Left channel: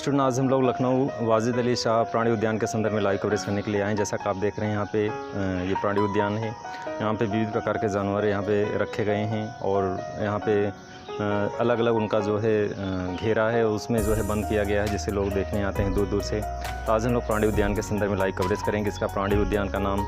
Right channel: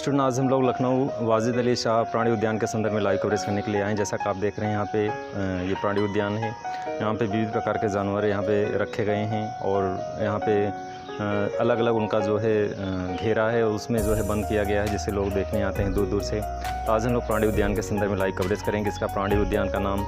Student, आज हम लोग लखनऊ वाजिद अली शाह प्राणी उद्यान के संदर्भ में लाइव कवरेज करने के लिए आए हैं। जैसा कि आप देख रहे हैं यहाँ पे ये प्राणी उद्यान है। यहाँ पे विविध प्रकार के जानवर यहाँ पे रखे गए हैं और यहाँ पे अलग अलग उनका जो है घेरा है उसमें जो है बंद किया गया है, जिससे लोग देखने आते हैं दूर दूर से। तो आज हम लोग प्राणी उद्यान के संदर्भ में लाइव कवरेज करेंगे। इसका प्राणी उद्यान का नाम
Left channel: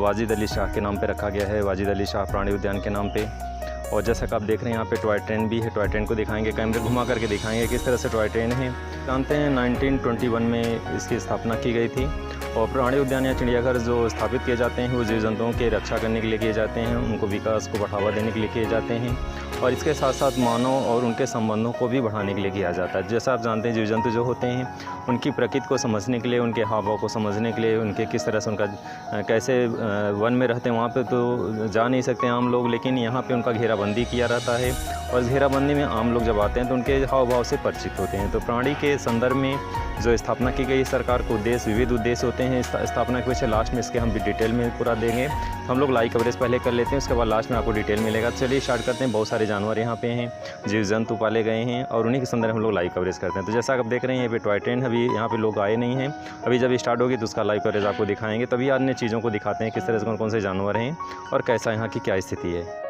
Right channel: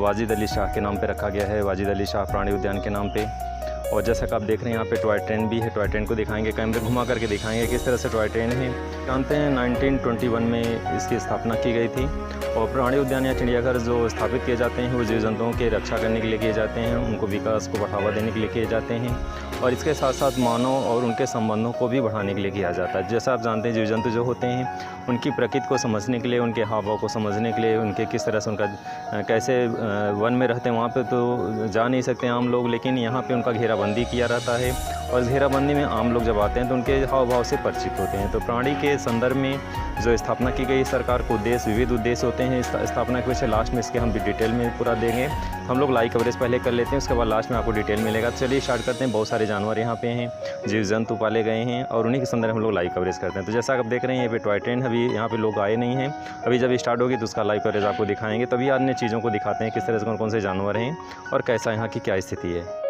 वाजिद अली शाह के नाम पर रखा गया है, वाजिद अली शाह प्राणी उद्यान के नाम पर। और जैसा कि आप देख रहे हैं यहाँ पे टॉय ट्रेन भी है। टॉय ट्रेन को दिखाएंगे, कैमरे घुमा करके दिखाएंगे किस तरह से टॉय ट्रेन है। जानते हैं 1921 में इसकी स्थापना की गई थी। और प्राणी उद्यान या चिड़ियाघर जो स्थापित किए जाते हैं वो जीव जंतुओं के रक्षा करने के लिए किए जाते हैं, उनको विकास को बढ़ावा देने के लिए किए जाते हैं और इसके साथ साथ मानव और उनके संबंधों को भी बढ़ाने के लिए किया जाता है। जैसा आप जानते हैं जीव जंतु जो होते हैं उनकी प्रकृति को समझने के लिए, उनके हाव भाव को समझने के लिए, उनके किस तरह से उनका कैसे वन में रहते हैं वहाँ पे तो जा नहीं सकते आम लोग, लेकिन यहाँ पे उनका घेराबंदी किया रहता है और घेराबंदी में आम लोग जब आते हैं तो उनके हाव भाव से परिचित होते हैं। तो प्राणी के संदर्भ में जो स्थापना की गई सरकार को उद्देश्य, विविध उद्देश्य होते हैं स्थापना के वजह लास्ट में इसके हम भी डिटेल में पूरा देंगे। हम लोग लाइव कवरेज पहले कर लेते हैं, उसके बाद लास्ट में आपको डिटेल मिलेगा। चलिए स्टार्ट करते हैं। बहुत सारे जानवर यहाँ पे हैं, जीव जंतु पाले गए हैं और उन्हीं के संदर्भ हम लोग लाइव कवरेज करते हैं। तो जैसा आप देख रहे हैं यहाँ पे टॉय ट्रेन, अभी यहाँ पे लोग आए नहीं हैं, अभी जब स्टार्ट होगी तो उसका लाइव कवरेज आपको दिखाएंगे। तभी अन्य चीज़ों को दिखाते हैं किस तरह से कौन कौन से जानवर हैं और कैसा यहाँ की क्या स्थिति है।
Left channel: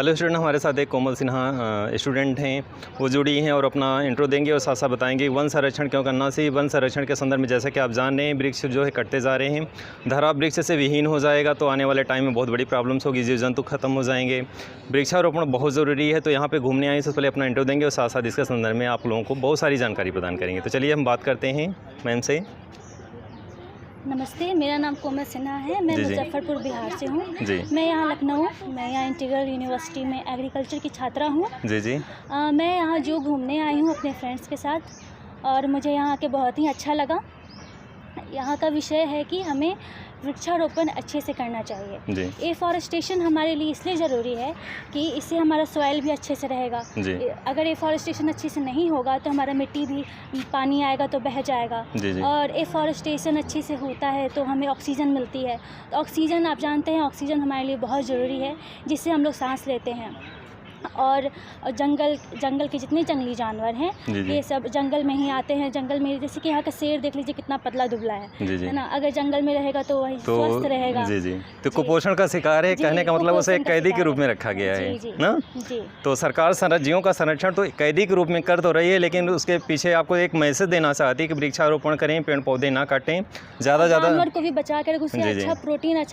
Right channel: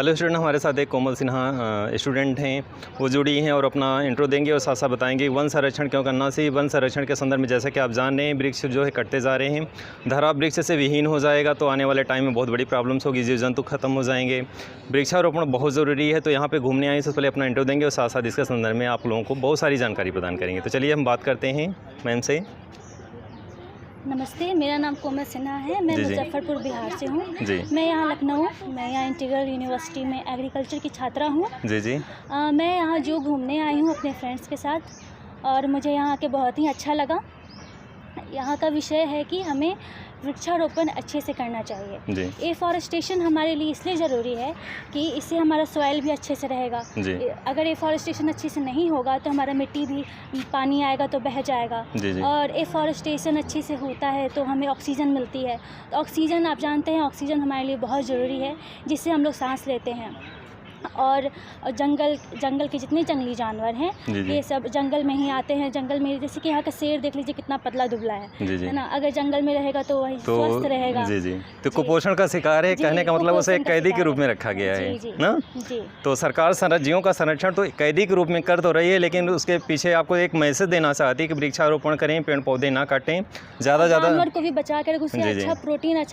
हेलो स्टूडेंट, हमारे साथ एक कोमल सिन्हा स्टूडेंट हैं, वो जुड़ी हैं और अपना इंट्रो देंगे और साथ साथ बताएंगे वन संरक्षण क्यों करना चाहिए। वन संरक्षण के संदर्भ में जैसा कि आप जान रहे हैं, वृक्ष जो है कटते जा रहे हैं। धरा वृक्ष से विहीन हो जाएगा तो आने वाले टाइम में बहुत बड़ी प्रॉब्लम्स होगी, जीव जंतु खत्म हो जाएंगे। वृक्षारोपण बहुत ज़रूरी है। तो यहाँ पर घूमने आए इससे पहले अपना इंट्रो देंगे और साथ साथ इसके संदर्भ में आप लोगों को बहुत सारी जानकारी प्रदान करेंगे। तो चलिए हम बात करते हैं मैम से। नमस्ते, मेरा नाम कोमल सिन्हा है। मैं मुजफ्फरपुर बिहार से हूँ। मैं यहाँ लखनऊ, मैं यहाँ इंटीग्रल यूनिवर्सिटी में एग्रीकल्चर की छात्रा हूँ। मैं यहाँ जो घूमने आई हूँ अपने फ्रेंड्स के साथ और मुझे यहाँ आके बहुत ही अच्छा लगा। यहाँ का विषय है कि हमें वृक्षारोपण अच्छे से करना चाहिए। एफॉरेस्टेशन हमारे लिए इसलिए ज़रूरी है कि इससे हमारा सॉइल भी अच्छे से रहेगा। अगर एफॉरेस्टेशन अच्छे से नहीं होगा तो हमारा मिट्टी भी, पानी आएगा तो बह जाएगा। और एफॉरेस्टेशन अच्छे से होता है तो हमें ऑक्सीजन मिलती है। तो ऑक्सीजन, आप जानते हैं, ऑक्सीजन हमारे लिए बहुत ज़रूरी है, जिससे हम लोग सांस लेते हैं। और जंगल के जितने जंगली जानवर हैं ये सब जंगल में ही आते हैं। जंगल में जैसे कि यहाँ का शेर देख लीजिए कितना पतला दुबला है ना। अगर जंगल में रहेगा तो वही स्वस्थ रहेगा। तो कुपोषण का शिकार है, कहने का मतलब उसे एक कैदी के रूप में रखा गया है ना। तो सरकार जीवों का संरक्षण तो कैदी के रूप में कर तो रही है, लेकिन उसके पीछे आपको एक मैसेज देना चाहती है कि वृक्षारोपण करें, पेड़ पौधे ना काटें, ज़्यादा जानवर को भी बचा कर उसे अच्छा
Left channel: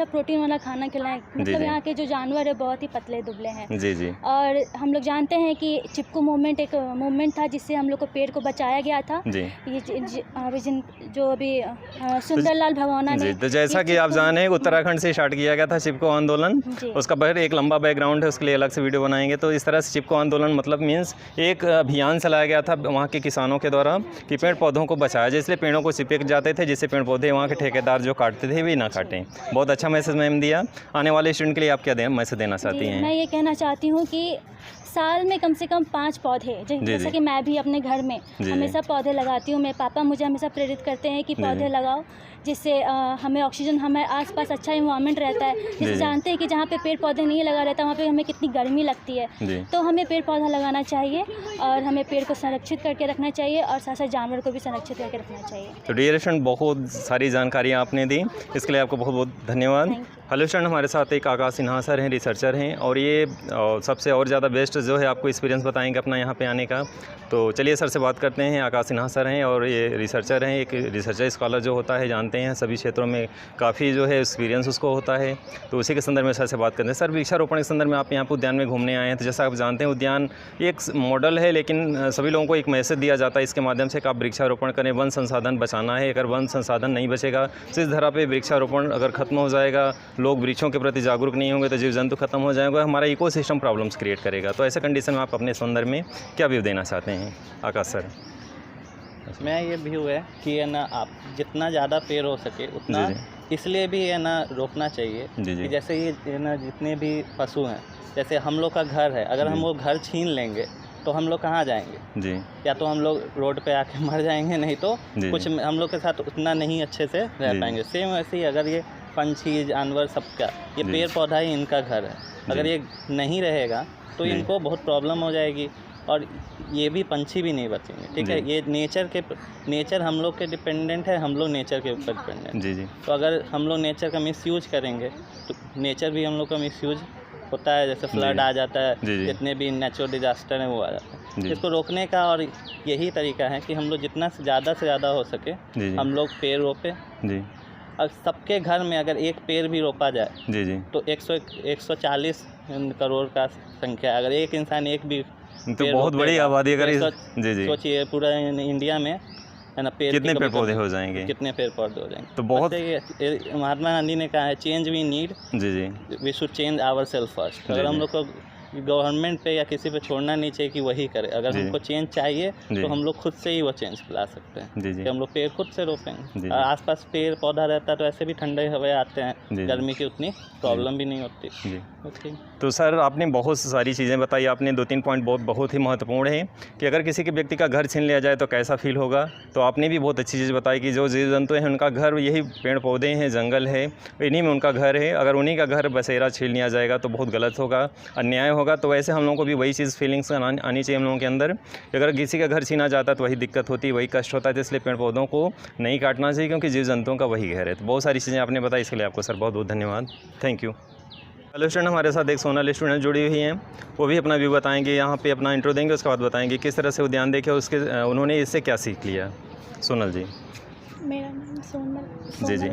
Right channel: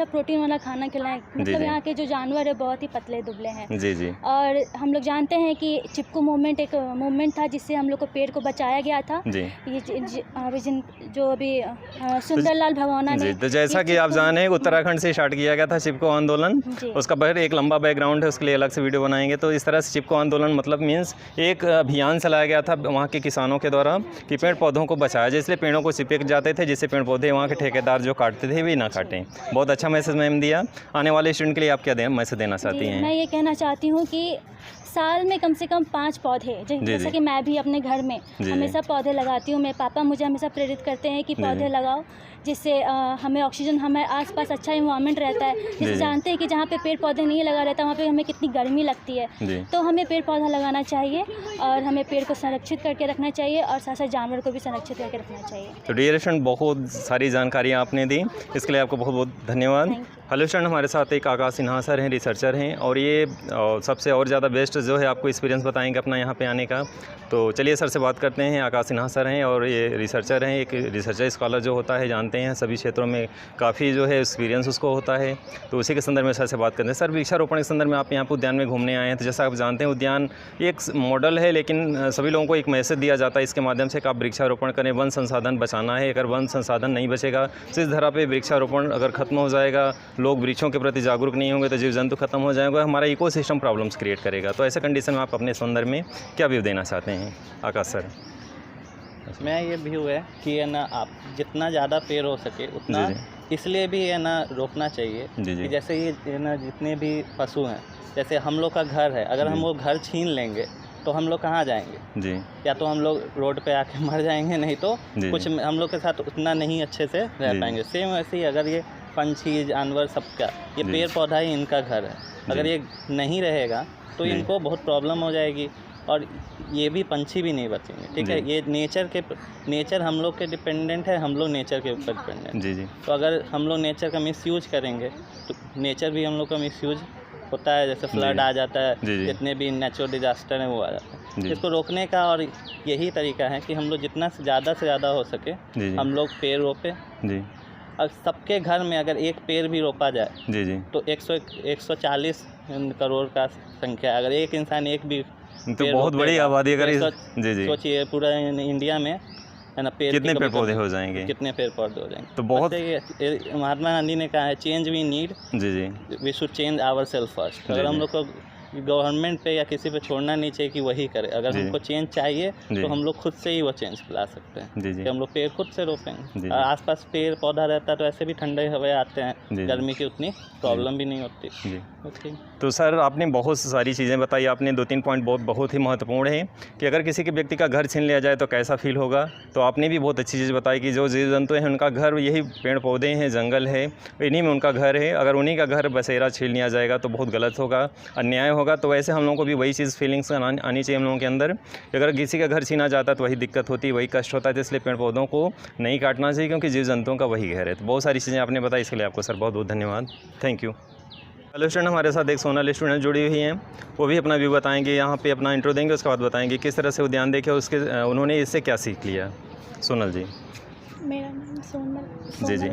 प्रोटीन वाला खाना खिलाएं। मतलब यहाँ के जो जानवर है बहुत ही पतले दुबले हैं। और हम लोग जानते हैं कि चिपको मूवमेंट एक मूवमेंट था जिससे हम लोग को पेड़ को बचाया गया था। ये जो अभी सुंदरलाल भगवाना ने, तो जैसा कि आप जाने उत्तराखंड से स्टार्ट किया गया था चिपको आंदोलन। उसका बाहर एक लंबा बैकग्राउंड है, उसके लिए अलग से वीडियो बनाएंगे। तो इस तरह से चिपको आंदोलन मतलब मीन्स एक अभियान चलाया गया था वहाँ के किसानों के द्वारा कि पेड़ पौधों को बचाया जाए, इसलिए पेड़ों को चिपक जाते थे जिससे पेड़ पौधे वहाँ के ठेकेदार जो काटते थे वे ना काटें। बहुत अच्छा मैसेज मैम दिया। आने वाले स्टूडेंट के लिए आप क्या मैसेज देना चाहती हैं? मैं ये कहना चाहती हूँ कि साल में कम से कम 5 पौधे, जैसा कि मैं भी अपने घर में हमेशा पौधे लगाती हूँ। मेरे पापा मुझे हमेशा प्रेरित करते हैं कि पौधे लगाओ, जिससे हमें ऑक्सीजन, हमारे आसपास अच्छा इन्वायरमेंट रहता है। जैसे जानते हैं कि जहाँ पे पेड़ पौधे नहीं लगा रहता वहाँ पे हमें कितनी गर्मी लगती है। तो हमें पेड़ पौधा लगाना चाहिए और हमें पेड़ को संरक्षित करके रखना चाहिए और साथ साथ जानवर को भी संरक्षित करके रखना चाहिए। तो डियर स्टूडेंट, बहुत सारी जानकारियाँ आपने दी, इसके लिए आपको बहुत बहुत धन्यवाद। हेलो स्टूडेंट, हमारे साथ एक आकाश सिन्हा सर हैं, रिसर्चर हैं, और ये सबसे और ज़्यादा बेस्ट जो है आपको एक्सपीरियंस बताएंगे अपना यहाँ पे आने का। तो चलिए सर से बात करते हैं। आकाश सिन्हा सर हैं और ये रिसर्चर हैं। एक रिसर्चर स्कॉलर जो होता है, जानते हैं सभी क्षेत्रों में काफ़ी जो है एक्सपीरियंस उसको होता है। तो उसी के संदर्भ में सर से बात करते हैं। सर, वृक्षारोपण के संदर्भ में आप यहाँ पर उद्यान में घूमने आए हैं, तो जैसा आप जानते हैं उद्यान एक मॉडल है, लेकिन सभी लोगों को एक मैसेज दिया जाता है इसके माध्यम से कि आप वृक्षारोपण करें, वन संसाधन बचाना है। अगर वन संसाधन नहीं बचेगा तो इस धरा पर वृक्षारोपण अगर खत्म हो जाएगा, लोग वृक्षों के प्रति जागरूक नहीं होंगे तो जीव जंतु खत्म हो जाएंगे, हमारा इकोसिस्टम प्रॉब्लम्स क्रिएट करेगा। तो ऐसे कंडीशन में आप अपने संदर्भ में क्या व्यू देना चाहते हैं आकाश सर? मैं ये व्यू है कि है ना, आप जितना ज़्यादा पेड़ हो सके उतना इसलिए भी है ना रोकना चाहिए कि जैसे ये है ना जितने भी पशु हैं, जैसे हम लोग का घर है, अगर हम वो घर छीन लेंगे तो हम लोग कहाँ जाएंगे? या तो हम लोग रोड पे आके मर जाएंगे, नहीं तो कुछ हम लोग के साथ उतना नहीं अच्छे से रह पाएंगे। सेम वैसे ही अगर ये पंछी, जानवर, सबका ये पेड़ पौधा ही इनका घर है, अगर ये नहीं रहेगा तो इनको बहुत प्रॉब्लम हो जाएगी और ये भी पंछी भी नहीं बचेंगे। ठीक है, ये नेचर हम लोग के डिपेंडेंट है, हम लोग नेचर के ऊपर डिपेंडेंट। तो अगर हम लोग नेचर का मिसयूज करेंगे तो नेचर भी हम लोग का मिसयूज होता है। जैसे फ्लड आ जाता है, जितने भी नेचुरल डिजास्टर हैं वो आ जाता है। इसको रोकने का और यही तरीका है कि हम लोग जितना से ज़्यादा हो सके हम लोग पेड़ रोपे। और सबके घर में अगर एक पेड़ भी रोपा जाए तो 140 करोड़ का संख्या, अगर एक इंसान एक भी तो बहुत बड़ी आबादी, अगर सोचिए पूरा इंडिया में है ना, कितने पेड़ पौधे हो जाएंगे, कितने पेड़ पौधे हो जाएंगे। तो बहुत महात्मा गांधी ने कहा है, change we need, we should change our self first. अगर हम लोग को गवर्नमेंट पे या किसी पे छोड़ना नहीं चाहिए कि वही करे। अगर हमको चेंज चाहिए तो हम लोग खुद से ही वो चेंज ला सकते हैं कि हम लोग पेड़ खुद से रोपेंगे। आसपास पेड़ पौधा रहता है तो ऐसे भी ठंडे हवा आते हैं, गर्मी की उतनी प्रॉब्लम भी नहीं होती। तो सर, आपने बहुत सारी चीज़ें बताई, आपने 2-3 पॉइंट बहुत ही महत्वपूर्ण है कि अगर किसी के व्यक्ति का घर छीन लिया जाए तो कैसा फील होगा। तो आपने भी बहुत अच्छी चीज़ बताई कि जो जीव जंतु हैं उनका घर यही पेड़ पौधे हैं, जंगल है, इन्हीं में उनका घर है। अगर उन्हीं का घर बसेरा छीन लिया जाएगा तो बहुत गलत होगा, अन्याय होगा। तो वैसे हम लोगों को भी वही चीज़ फीलिंग्स आनी चाहिए हम लोगों के अंदर कि अगर किसी का घर छीना जाता है तो वही दिक्कत होती है, वही कष्ट होता है। तो इसलिए पेड़ पौधों को नहीं काटना चाहिए क्योंकि जीव जंतुओं का वही घर है। तो बहुत सारी चीज़ें आपने बताई, इसके लिए आपको सर बहुत बहुत धन्यवाद। Thank you. हेलो स्टूडेंट, हमारे साथ एक सोनल स्टूडेंट जुड़ी हुई हैं। वो भी अपना व्यू बताएंगे, यहाँ पे अपना इंट्रो देंगे, उसके बाद बताएंगे किस तरह से उद्यान देखे, उसके उन्होंने इससे क्या सीख लिया। सोनल जी। मेरा नाम सोनल जी जी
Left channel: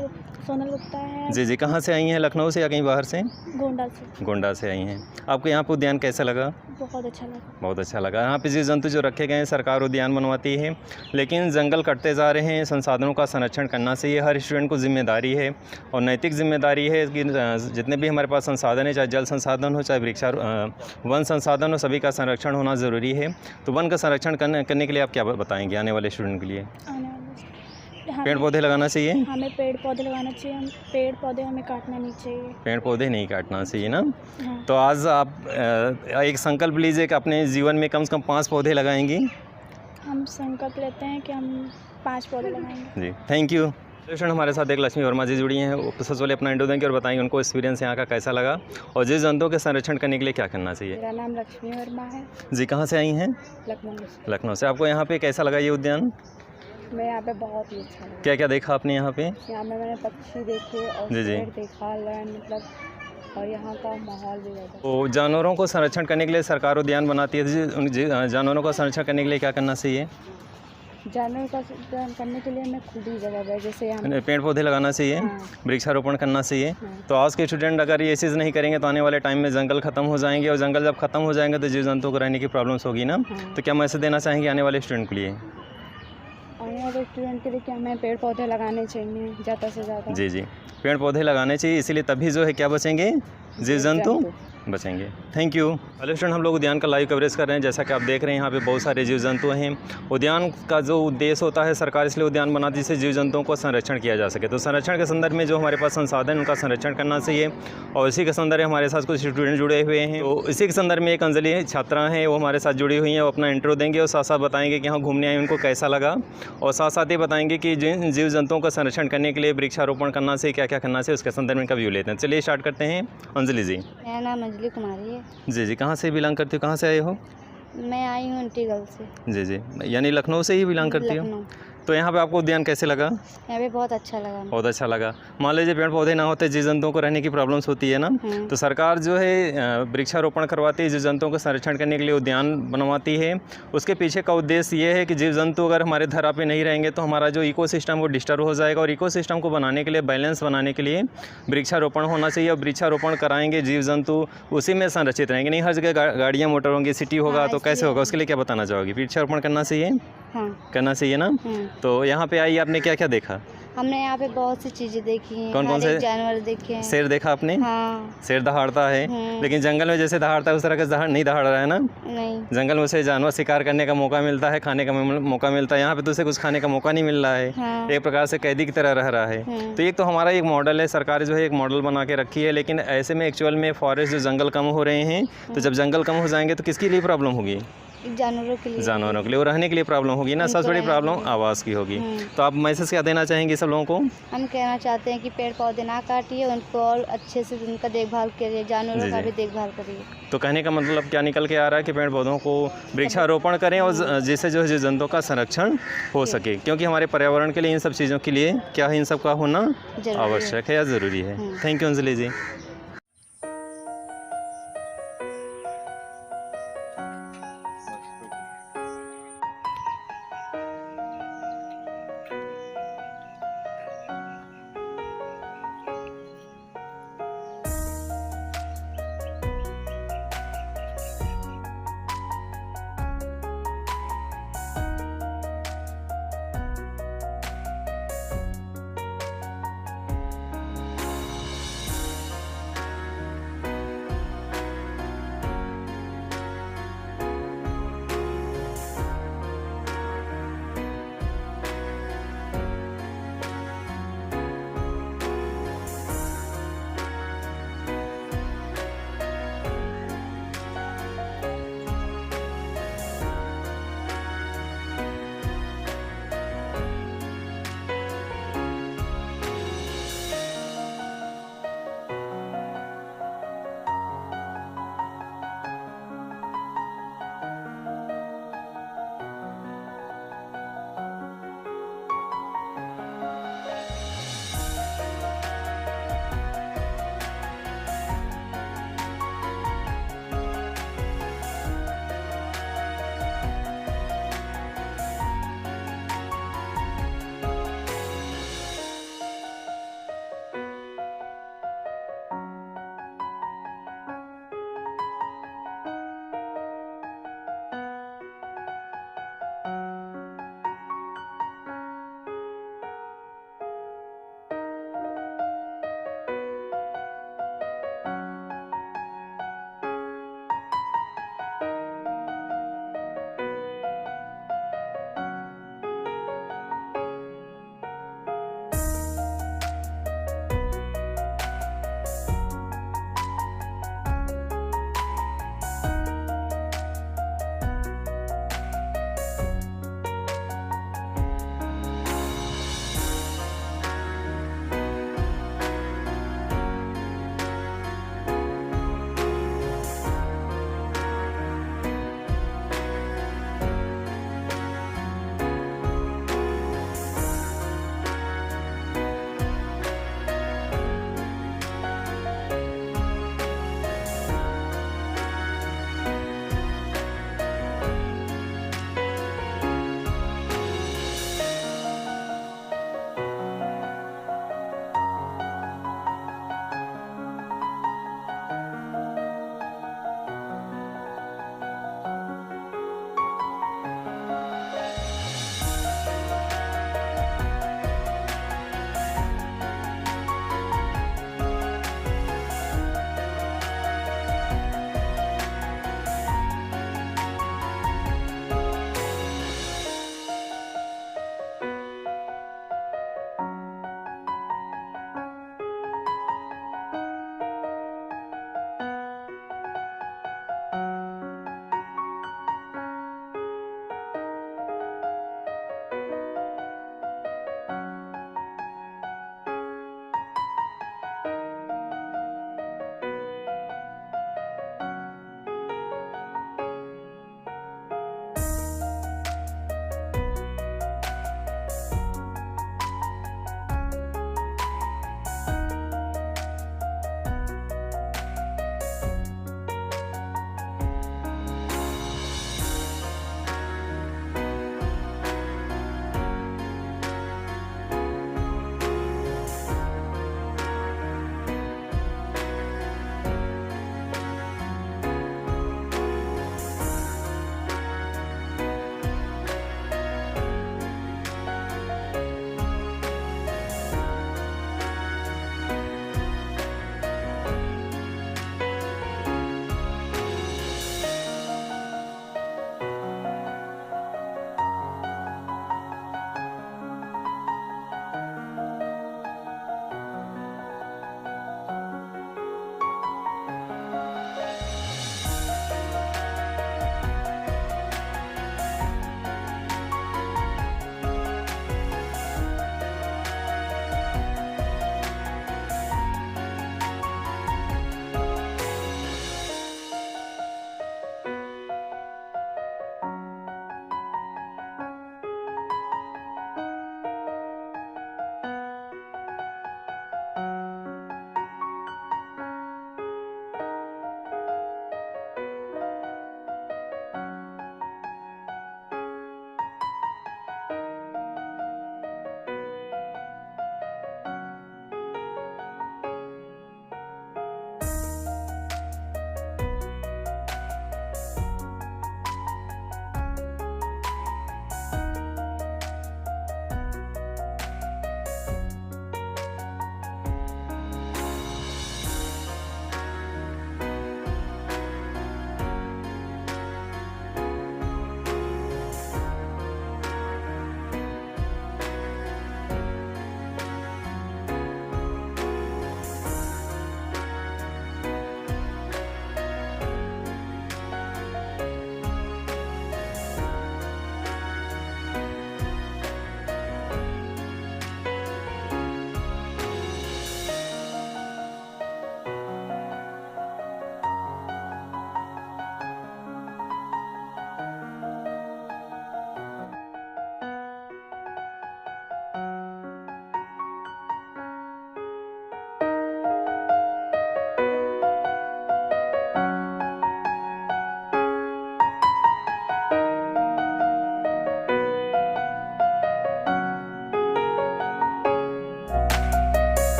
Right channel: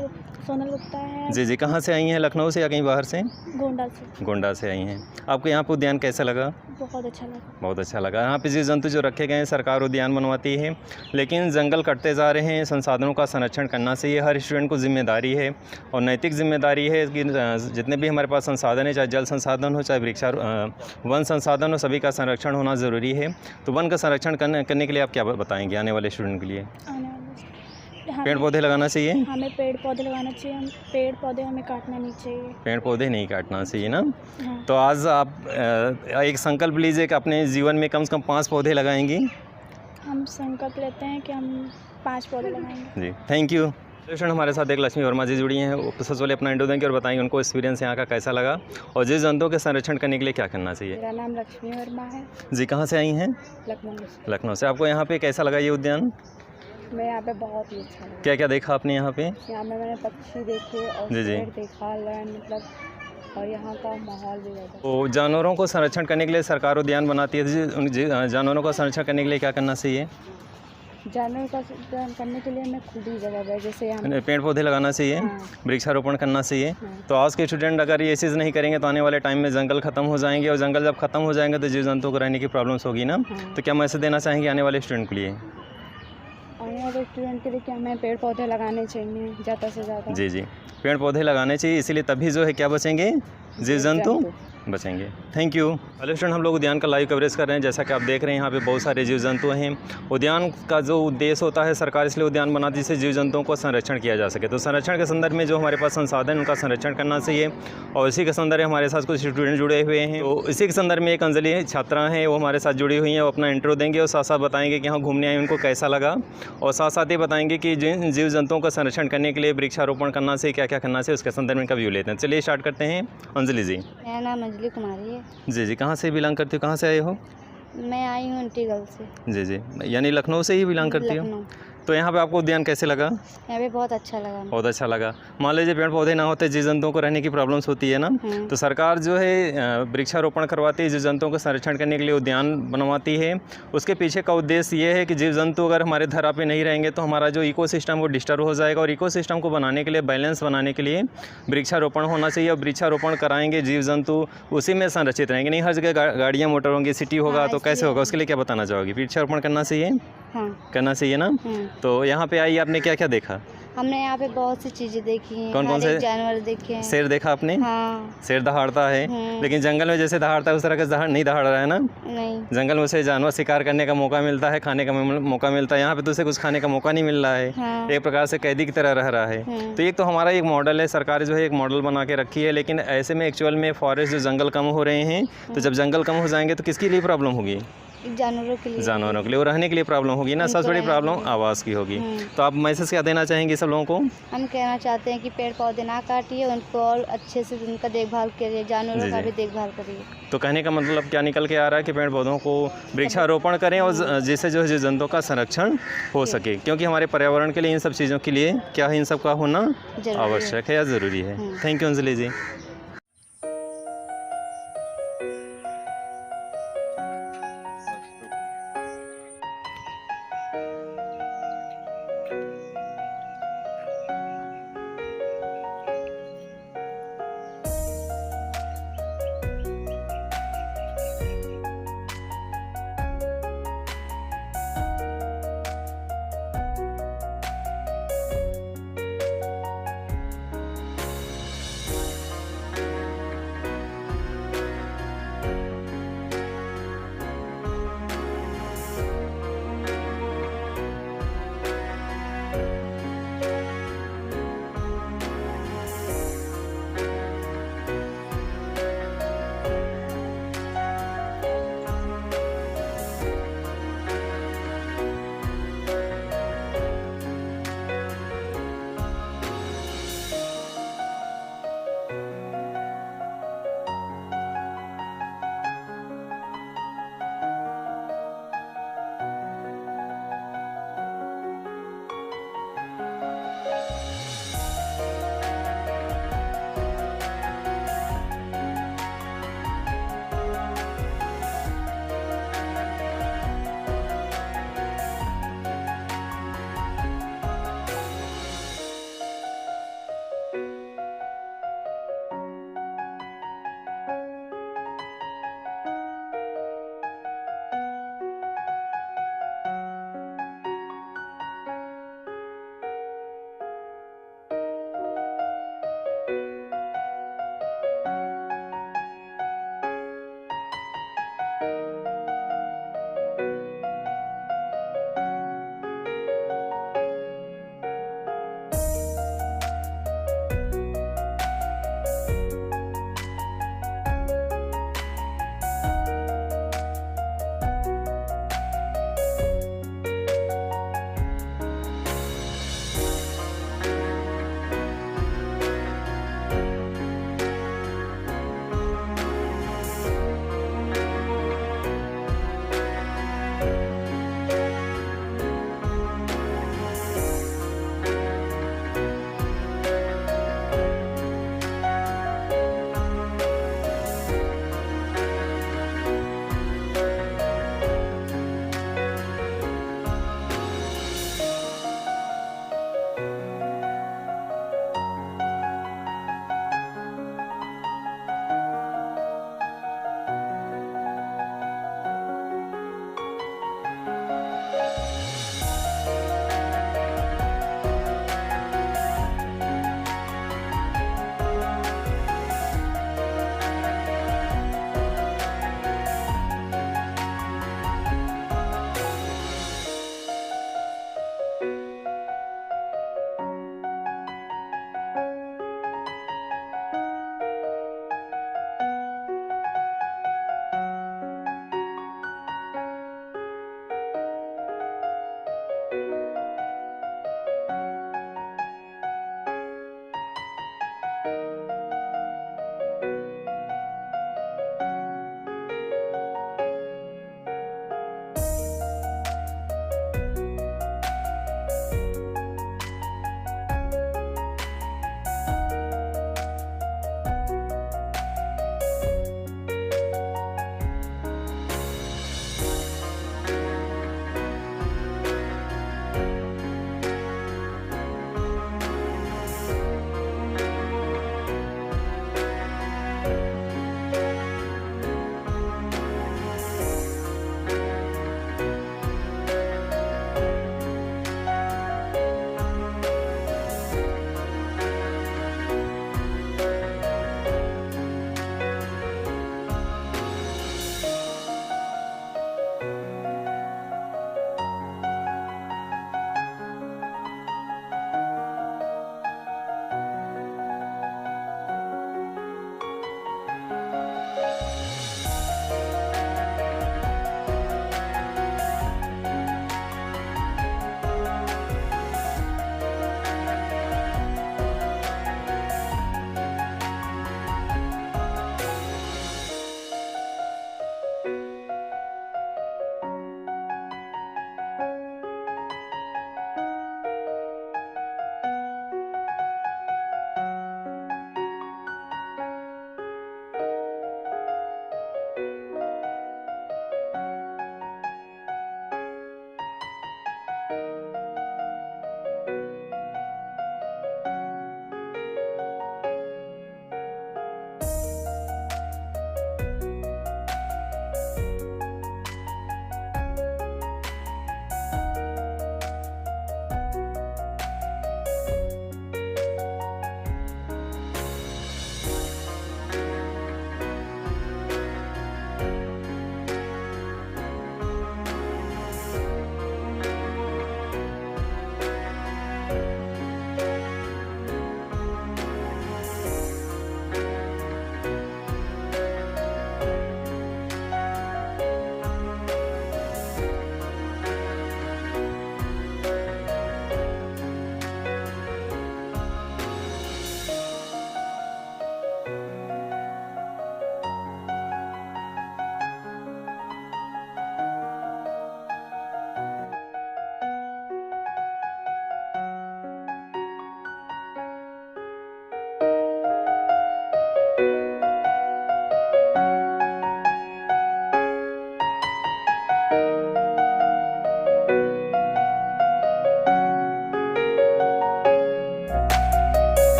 सोनल गुप्ता है। जी जी। कहाँ से आई हैं, लखनऊ से या कहीं बाहर से? गोंडा से आई हैं। आपको यहाँ पे उद्यान कैसा लगा? बहुत अच्छा लगा। बहुत अच्छा लगा। यहाँ पे जीव जंतु जो रखे गए हैं, सरकार उद्यान बनवाती है, लेकिन जंगल कटते जा रहे हैं। संसाधनों का संरक्षण करना चाहिए, हर स्टूडेंट को जिम्मेदारी है और नैतिक जिम्मेदारी है कि जितने भी हमारे पास संसाधन है, चाहे जल संसाधन हो, चाहे वन संसाधन हो, सभी का संरक्षण होना ज़रूरी है। तो वन का संरक्षण करने के लिए आप क्या बताएंगे आने वाले स्टूडेंट के लिए? पेड़ पौधे लगाना चाहिए, हमें पेड़ पौधे लगाना चाहिए, हम पेड़ पौधे हमें काटना नहीं चाहिए, पेड़ पौधे नहीं काटना चाहिए ना। हाँ। तो आज आप एक संकल्प लीजिए कि अपने जीवन में कम से कम 5 पौधे लगाएंगी। हम संकल्प लेते हैं कि हम 5 पौधे लगाएंगे। जी, थैंक यू। स्टूडेंट हमारे साथ एक लक्ष्मी वर्मा जी जुड़ी हैं। वो सबसे पहले अपना इंट्रो देंगे और बताएंगे उनको एक्सपीरियंस यहाँ का कैसा लगा और जीव जंतुओं के संरक्षण करने के लिए क्या करना चाहिए। मेरा नाम लक्ष्मी वर्मा है। जी, कहाँ से आई हैं? लखनऊ से। आपको यहाँ पे कैसा लगा ये उद्यान? मैं यहाँ पे बहुत ही अच्छा लगा। क्या क्या देखा आपने यहाँ पे? यहाँ में मैंने पक्षी देखे और पेड़ देखा, मतलब और यहाँ का माहौल भी ज़्यादा। तो जानवरों को संरक्षण करने के लिए सरकार उद्यान बनाती है, जानवरों का संरक्षण करने के लिए क्या करना चाहिए? जानवरों का संरक्षण करने के लिए हमें खुद ही जगह है, जैसे यहाँ पेड़ पौधे लगाना चाहिए, वृक्षारोपण करना चाहिए। तो आज के स्टूडेंट अगर ये चीज़ नहीं करेंगे तो आने वाले टाइम में जंगल खत्म हो जाएंगे और जंगल जब खत्म हो जाएंगे तो जीव जंतुओं को रहने की प्रॉब्लम्स होगी ना। तो क्या मैसेज देना चाहेंगे आने वाले स्टूडेंट के लिए? आने वाले स्टूडेंट के लिए क्या हमें पेड़ पौधे लगाने चाहिए ज़्यादा से ज़्यादा। जी जी, पेड़ पौधे लगाने चाहिए, इसीलिए तभी जो है क्या बचेंगे, जीव जंतु बचेंगे। Thank you. हेलो स्टूडेंट, हम लोग उद्यान का लाइव कवरेज कर रहे हैं। जैसा कि आप देख रहे हैं यहाँ पे बहुत सारे जीव जंतु हैं। उद्यान का जो उद्देश्य होता है, सरकार इसलिए उद्यान बनाती है जिससे जीव जंतुओं को संरक्षण किया जा सके। तो संरक्षण के संदर्भ में जो हमारे पास संसाधन उनका संरक्षण करना चाहिए और इसी के संदर्भ में हमारे साथ कुछ स्टूडेंट जुड़े हुए हैं। तो इसी के संदर्भ में एक अंजलि छात्रा हैं, वो हमारे साथ जुड़ी हुई हैं। वो अपना इंट्रो देंगे और साथ साथ बताएंगे कि यहाँ घूमने आए उनको कैसा लगा और साथ साथ ये बताएंगे कि जिन जीव जंतुओं का संरक्षण करने के लिए वृक्षारोपण करना चाहिए, क्या क्या करना चाहिए, उसके संदर्भ में का व्यू लेते हैं। चलिए स्टार्ट करते हैं। अंजलि जी। मेरा नाम अंजलि कुमारी है। जी जी, कहाँ से बिलोंग करती हो, कहाँ से आए हो? मैं आई हूँ इंटीग्रल से। जी जी, यानी लखनऊ से ही बिलोंग करती हो। तो यहाँ पे आपको उद्यान कैसे लगा? यहाँ पे बहुत अच्छा लगा। बहुत अच्छा लगा। मान लीजिए पेड़ पौधे ना होते, जीव जंतुओं को रहने की प्रॉब्लम्स होती है ना। तो सरकार जो है वृक्षारोपण करवाती है, जीव जंतुओं का संरक्षण करने के लिए उद्यान बनवाती है। उसके पीछे का उद्देश्य ये है कि जीव जंतु अगर हमारे धरा पे नहीं रहेंगे तो हमारा जो इकोसिस्टम वो डिस्टर्ब हो जाएगा और इकोसिस्टम को बनाने के लिए, बैलेंस बनाने के लिए वृक्षारोपण होना चाहिए। और वृक्षारोपण कराएंगे, जीव जंतु उसी में संरक्षित रहेंगे। नहीं हर जगह गाड़ियाँ मोटर होंगी, सिटी होगा, तो कैसे होगा? उसके लिए क्या बताना चाहोगी? वृक्षारोपण करना चाहिए, करना चाहिए ना। तो यहाँ पे आई, आपने क्या क्या देखा? हमने यहाँ पे बहुत सी चीजें देखी हैं। कौन कौन से जानवर देखे हैं? शेर देखा आपने? हाँ। शेर दहाड़ता है, लेकिन जंगल में जैसे दहाड़ता है उस तरह का नहीं दहाड़ रहा है ना। नहीं, जंगल में उसे जानवर शिकार करने का मौका मिलता है, खाने का मौका मिलता है। यहाँ पे तो उसे कुछ खाने का मौका नहीं मिल रहा है। हाँ। एक प्रकार से कैदी की तरह रह रहा है। तो एक तो हमारा एक मॉडल है, सरकार जो है एक मॉडल बना के रखी है, लेकिन ऐसे में एक्चुअल में फॉरेस्ट जो जंगल कम हो रहे हैं, तो जब जंगल कम हो जाएंगे तो किसके लिए प्रॉब्लम होगी? जानवरों के लिए, और रहने के लिए प्रॉब्लम होगी ना। सबसे बड़ी प्रॉब्लम आवास की होगी। तो आप मैसेज क्या देना चाहेंगे सब लोगों को? हम कहना चाहते हैं कि पेड़ पौधे ना काटिए, उनको और अच्छे से उनका देखभाल करिए, जानवरों का भी देखभाल करिए। तो कहने का मतलब क्या निकल के आ रहा है कि पेड़ पौधों को वृक्षारोपण करें और जिससे जो है जीव जंतुओं का संरक्षण हो सके, क्योंकि हमारे पर्यावरण के लिए इन सब चीज़ों के लिए क्या है, इन सब का होना आवश्यक है या ज़रूरी है। थैंक यू अंजलि जी।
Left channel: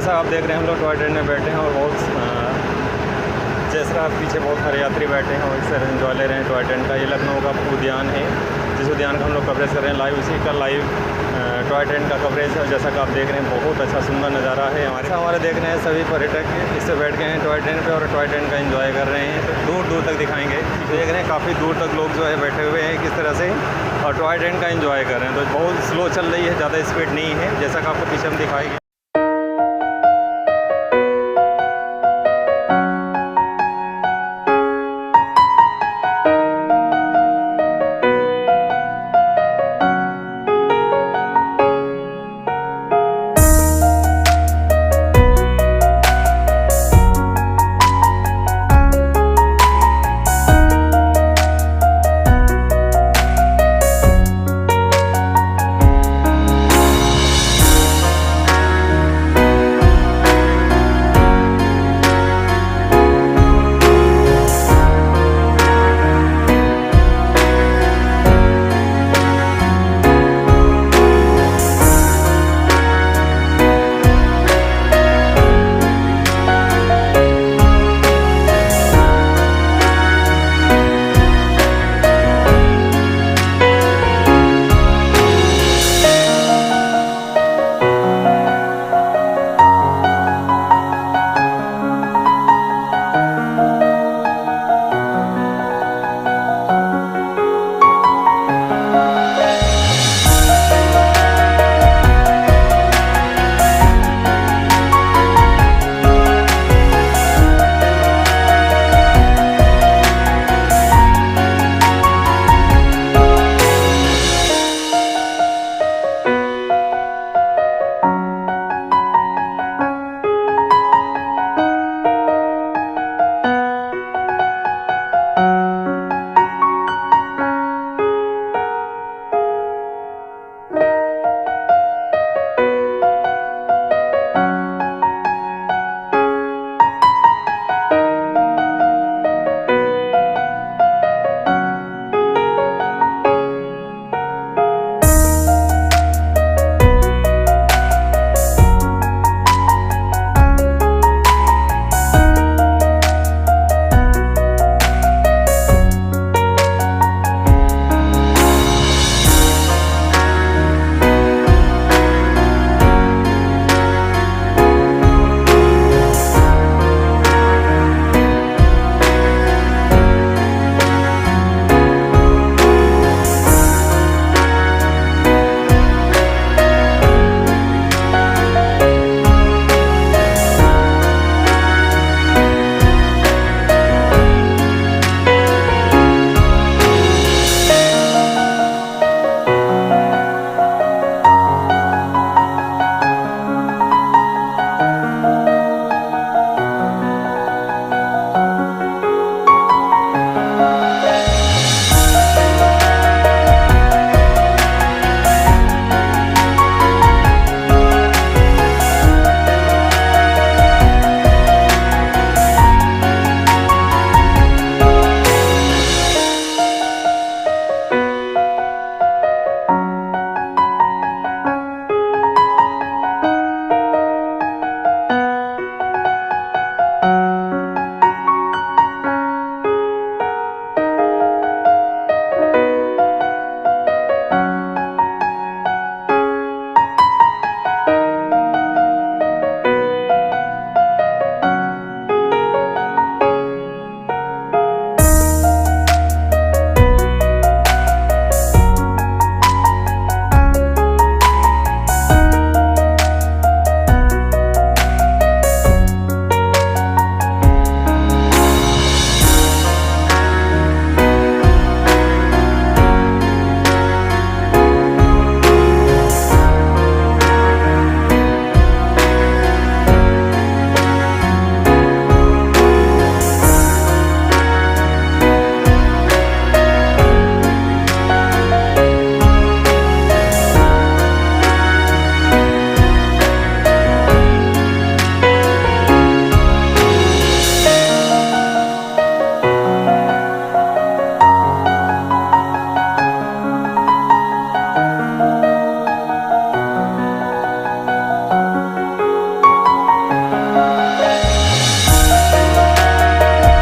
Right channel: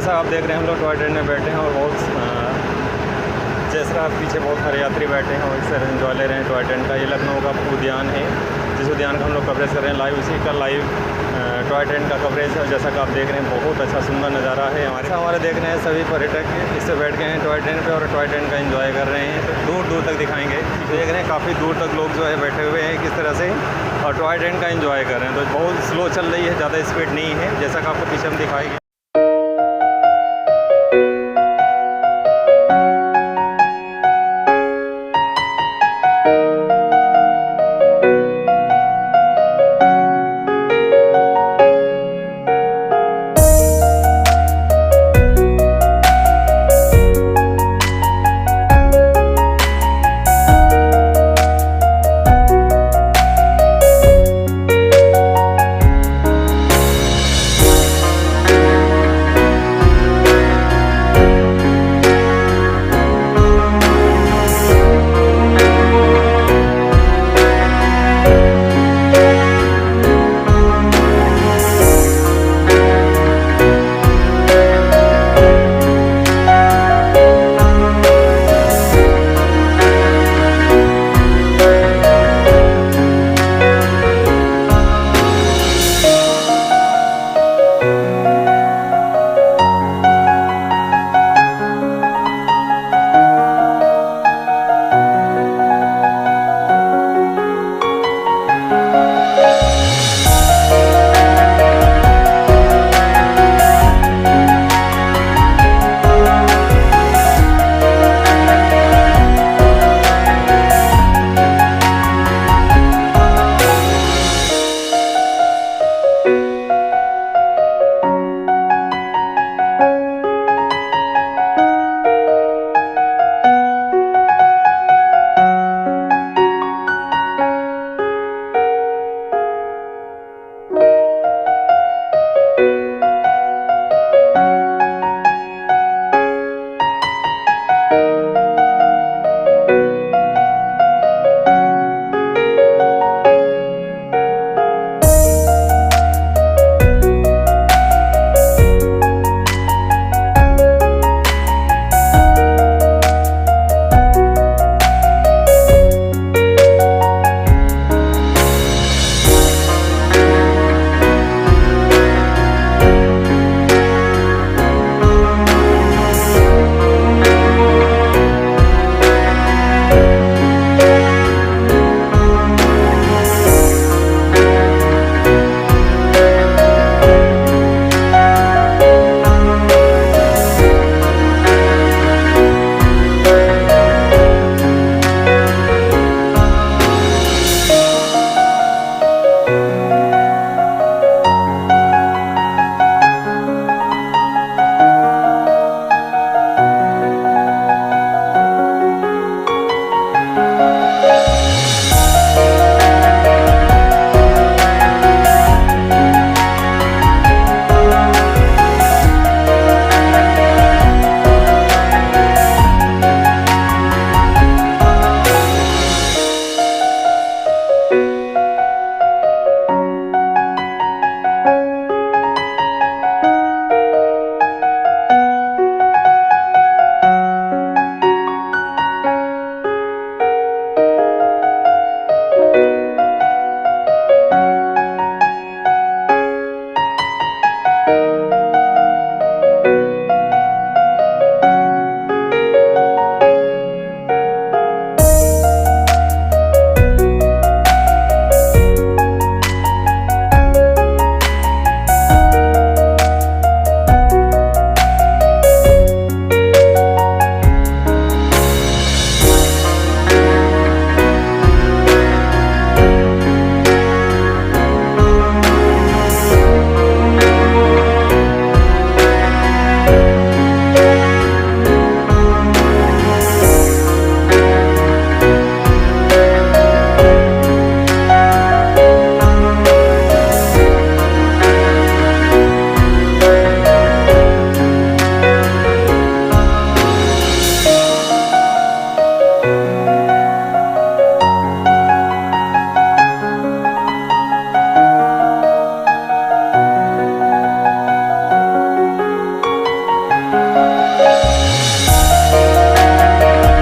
जैसा आप देख रहे हैं हम लोग टॉय ट्रेन में बैठे हैं और बहुत जैसा पीछे बहुत सारे यात्री बैठे हैं और इस तरह एंजॉय ले रहे हैं टॉय ट्रेन का। ये लखनऊ का उद्यान है, जिस उद्यान का हम लोग कवरेज कर रहे हैं लाइव, उसी का लाइव टॉय ट्रेन का कवरेज है। और जैसा कि आप देख रहे हैं बहुत अच्छा सुंदर नज़ारा है। हमारे देख रहे हैं सभी पर्यटक इससे बैठ गए हैं टॉय ट्रेन पे और टॉय ट्रेन का एंजॉय कर रहे हैं। तो दूर दूर तक दिखाएंगे, देख रहे हैं काफ़ी दूर तक लोग जो है बैठे हुए हैं किस तरह से और टॉय ट्रेन का एंजॉय कर रहे हैं। तो बहुत स्लो चल रही है, ज़्यादा स्पीड नहीं है, जैसा कि आपको पीछे हम दिखाएंगे।